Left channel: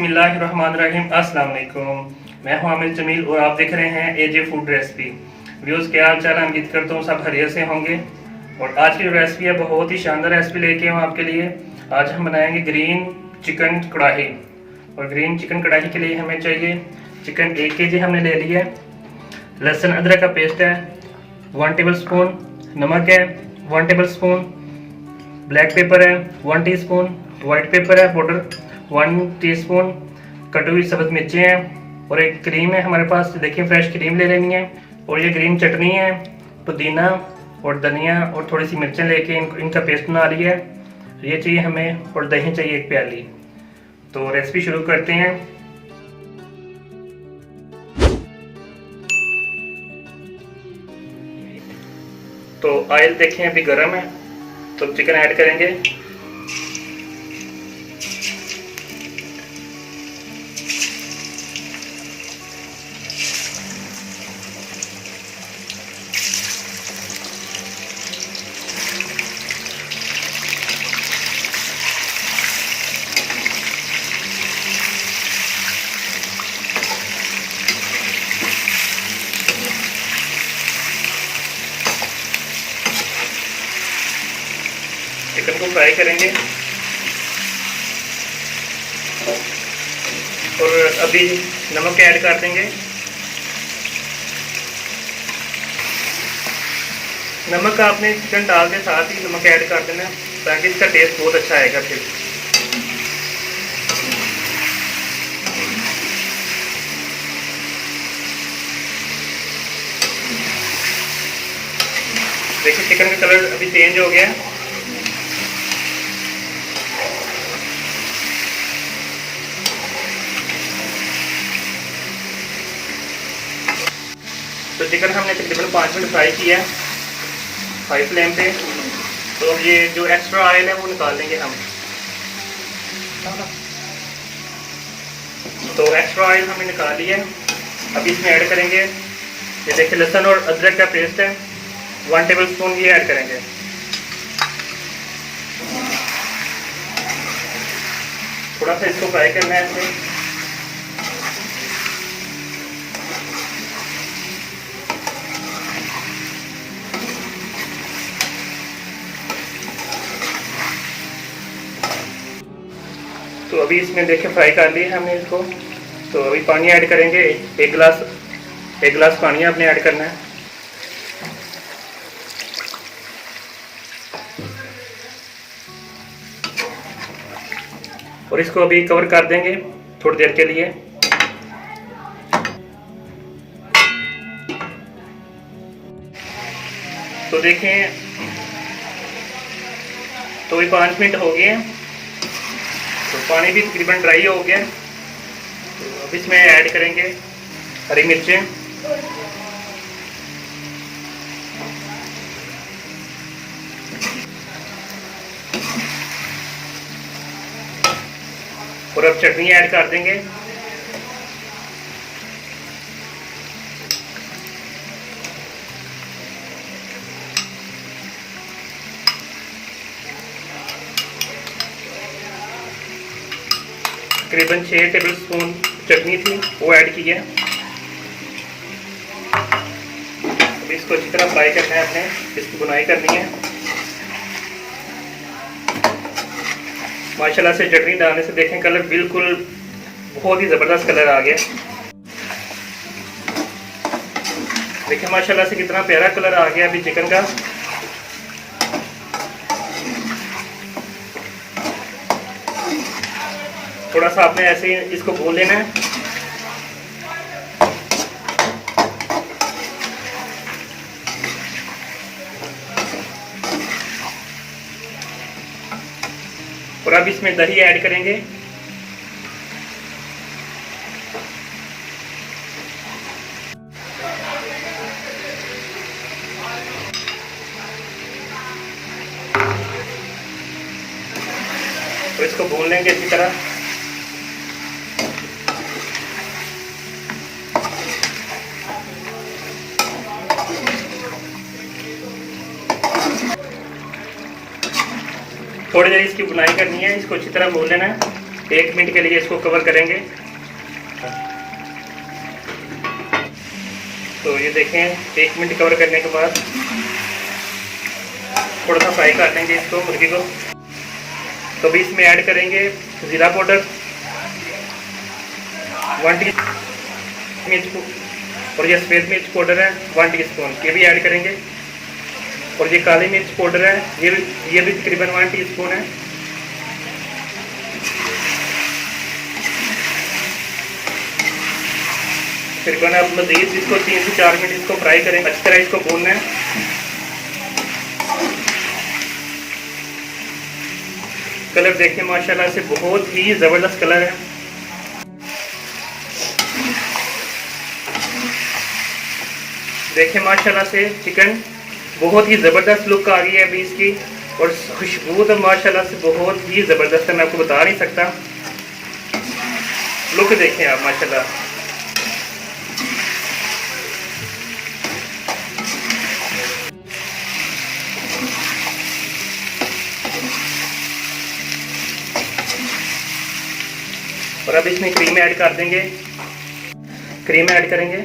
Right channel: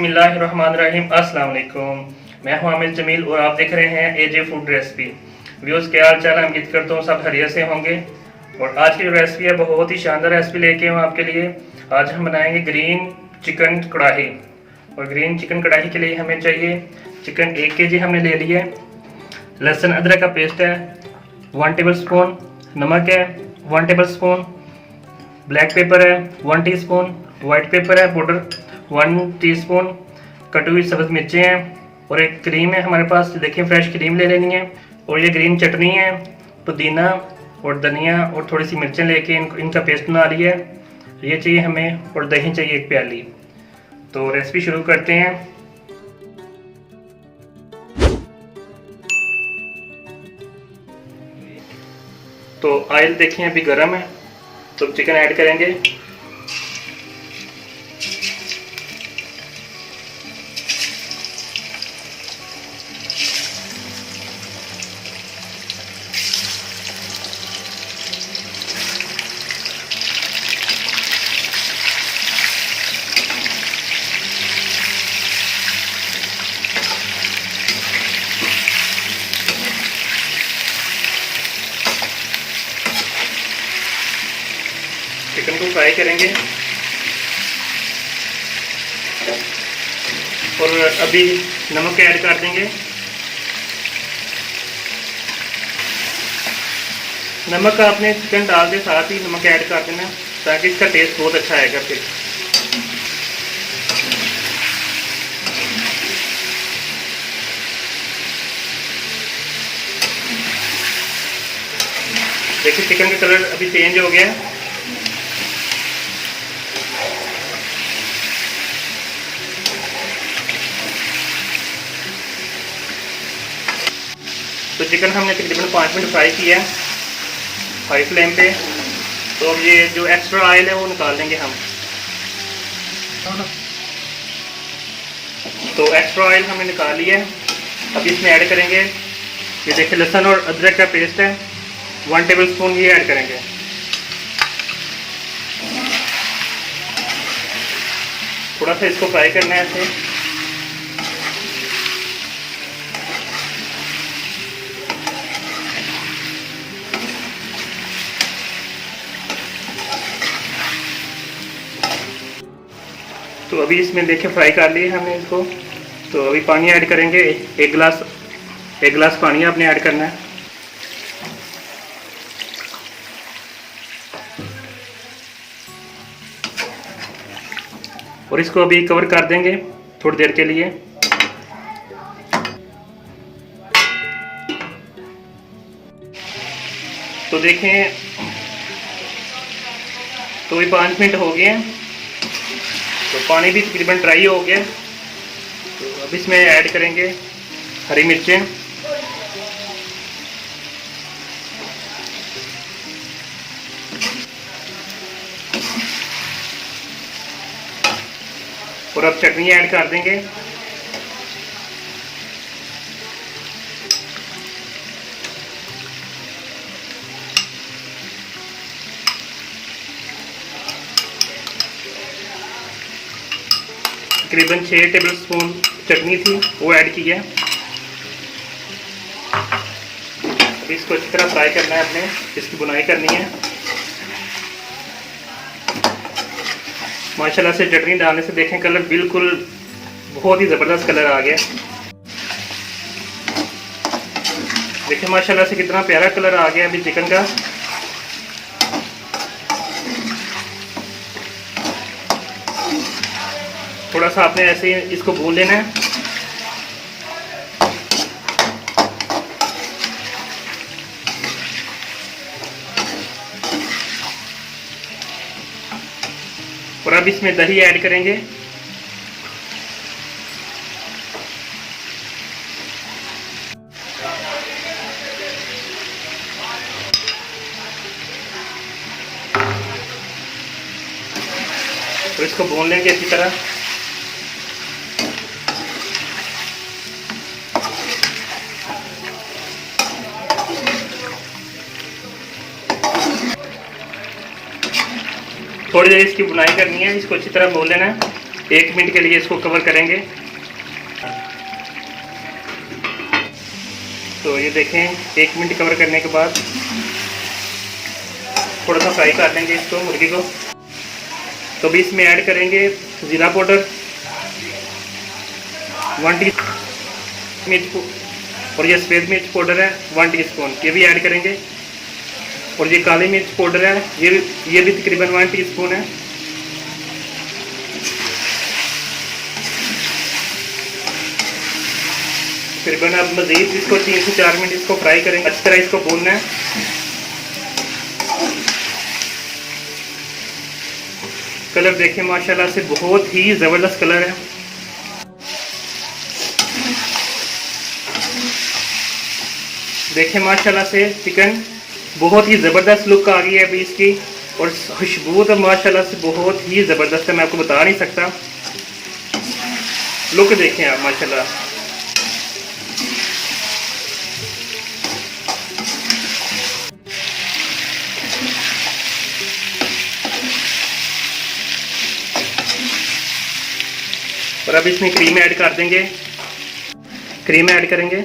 बिस्मिल्लाहिर्रहमानिर्रहीम। अस्सलाम वालेकुम। मैं हूं आमिर जमील और आप देख रहे हैं एजे फूड रेसिपी। व्यूअर्स, क्या हाल चाल है? उम्मीद करता हूँ सब खैरियत से होंगे। और आज की जो रेसिपी है बहुत ही शानदार रेसिपी लेके हूँ आपके लिए। आज हम बनाएंगे ग्रीन चिकन कढ़ाई। और ग्रीन चिकन कढ़ाई के लिए हमें चाहिए चिकन 1 kg हमने ले लिया है, लहसुन अदरक का पेस्ट है 1 टेबल स्पून, नमक है 1 टेबल स्पून, ब्लैक पेपर है 1 टीस्पून, वाइट पेपर है पाउडर 1 टीस्पून, कटी हुई सब्ज मिर्चें हैं और एक क्रीम है हमारे पास। देखिए फ्रेश क्रीम ले लेनी है। और ये ग्रीन चटनी है, पुदीना और धनिया और थोड़ी सी मिर्चें लेके इनका पेस्ट बना लिया है। ये चाहिए हमें और दही चाहिए 1 प्याली। तो रेसिपी शुरू करते हैं। तो ऑयल देखें अभी गर्म है, तो चिकन ऐड करेंगे। चिकन को फ्राई करेंगे और अभी नमक ऐड कर देंगे। नमक आपने चिकन डाल के साथ ही नमक ऐड कर देना ताकि इसका टेस्ट बहुत अच्छा आएगा। फिर देखिए चिकन का कलर अभी चेंज हो गया है। तो चिकन हमने तकरीबन 5 मिनट फ्राई किया है हाई फ्लेम पे। तो अब ये जो एक्स्ट्रा ऑयल है वो निकाल देंगे हम। तो एक्स्ट्रा ऑयल हमने निकाल लिया है। अब इसमें ऐड करेंगे, ये देखिए लहसुन और अदरक का पेस्ट है 1 टेबल स्पून, ये ऐड करेंगे। थोड़ा सा इसको फ्राई करना है ऐसे। तो अभी इसमें देखिए फ्राई कर लिए हमने इसको। तो अभी पानी ऐड करेंगे, एक गिलास पानी आपने ऐड करना है। और इसको अभी कवर कर देंगे थोड़ी देर के लिए। तो देखें, तो अभी 5 मिनट हो गए हैं। तो पानी भी तकरीबन ड्राई हो गया। तो अब इसमें ऐड करेंगे हरी मिर्चें, और अब चटनी ऐड कर देंगे। तकरीबन 6 टेबल स्पून चटनी थी वो ऐड की है। अब इसको अच्छी तरह फ्राई करना है, अपने इसकी बुनाई करनी है। माशाल्लाह से चटनी डालने से देखें कलर बिल्कुल बहुत ही ज़बरदस्त कलर आ गया। देखिए माशाल्लाह से कितना प्यारा कलर आ गया अभी चिकन का। थोड़ा सा आपने ऐसे ही इसको भून लेना है। और अब इसमें दही ऐड करेंगे। तो इसको भून लेंगे अच्छी तरह। थोड़ी देर इसकी बुनाई करनी है, इसको अच्छी तरह भून लेना है। 1 मिनट के लिए इसको कवर करेंगे। तो ये देखें 1 मिनट कवर करने के बाद थोड़ा सा फ्राई कर लेंगे इसको, मुर्गी को। तो अभी इसमें ऐड करेंगे ज़ीरा पाउडर 1 टी मिर्च, और ये सफ़ेद मिर्च पाउडर है 1 टीस्पून, ये भी ऐड करेंगे। और ये काली मिर्च पाउडर है, ये भी तकरीबन 1 टीस्पून है। तकरीबन आप मज़ीद इसको 3 से 4 मिनट इसको फ्राई करें, अच्छी तरह इसको भूनना है। कलर देखें माशाल्लाह से बहुत ही ज़बरदस्त कलर है। देखें माशाल्लाह से चिकन बहुत ही ज़बरदस्त लुक आ रही है अभी इसकी, और खुशबू तो माशाल्लाह से बहुत ही ज़बरदस्त है, मैं आपको बता नहीं सकता। लुक देखें आप माशाल्लाह। और अब इसमें क्रीम ऐड कर देंगे, क्रीम ऐड करेंगे।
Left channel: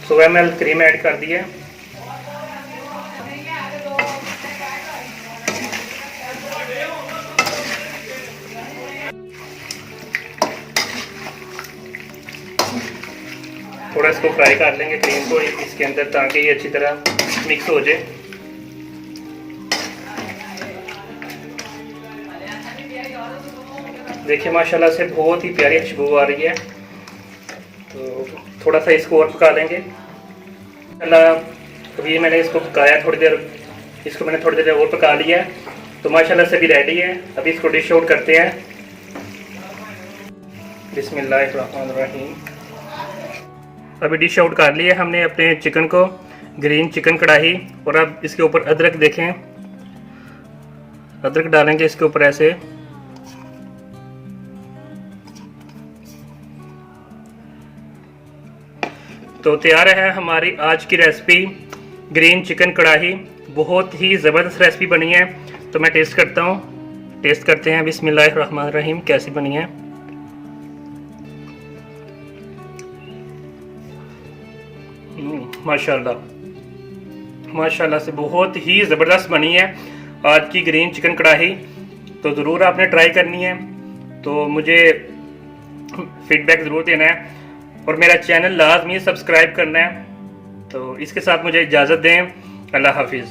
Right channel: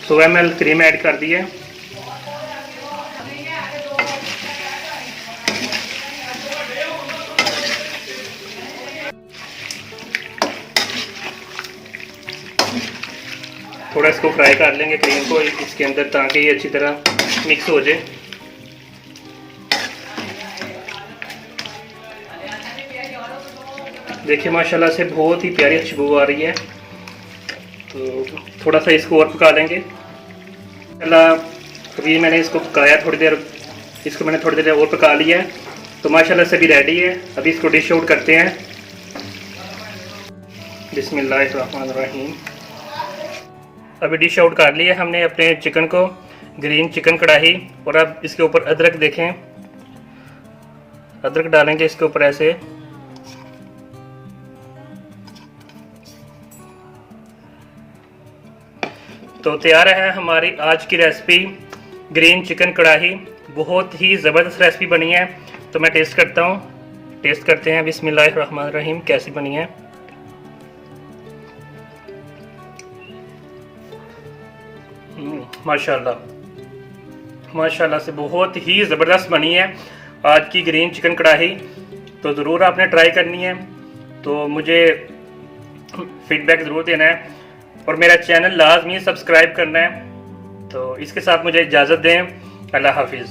तो 100 ml क्रीम ऐड कर दिया। थोड़ा इसको फ्राई कर लेंगे क्रीम को इसके अंदर, ताकि ये अच्छी तरह मिक्स हो जाए। देखिए माशाल्लाह से बहुत ही प्यारी खुशबू आ रही है। तो थोड़ा सा इसको और पका लेंगे। अभी मैंने इसको पकाया थोड़ी देर, इसको मैंने थोड़ी देर और पका लिया है। तो माशाल्लाह से अभी रेडी है। अभी इसको डिश आउट करते हैं। बिस्मिल्लाहिर्रहमानिर्रहीम। अभी डिश आउट कर लिया हमने अपने चिकन को, ग्रीन चिकन कढ़ाई। और अब इसके ऊपर अदरक देखें, अदरक डालेंगे इसके ऊपर ऐसे। तो तैयार है हमारी आज की रेसिपी ग्रीन चिकन कढ़ाई। बहुत ही ज़बरदस्त रेसिपी बनी है। तो मैं टेस्ट करता हूँ, टेस्ट करते हैं। बिस्मिल्लाहिर्रहमानिर्रहीम कैसी बनी है। माशाल्लाह माशाल्लाह से बहुत ही ज़बरदस्त बनी है आज की ग्रीन चिकन कढ़ाई। तो ज़रूर आपने ट्राई करनी है। तो मुझे फीडबैक ज़रूर देना है, और मेरा चैनल लाजमी सब्सक्राइब करना है। तो इसके साथ मुझे इजाज़त दें। अल्लाह हाफिज़।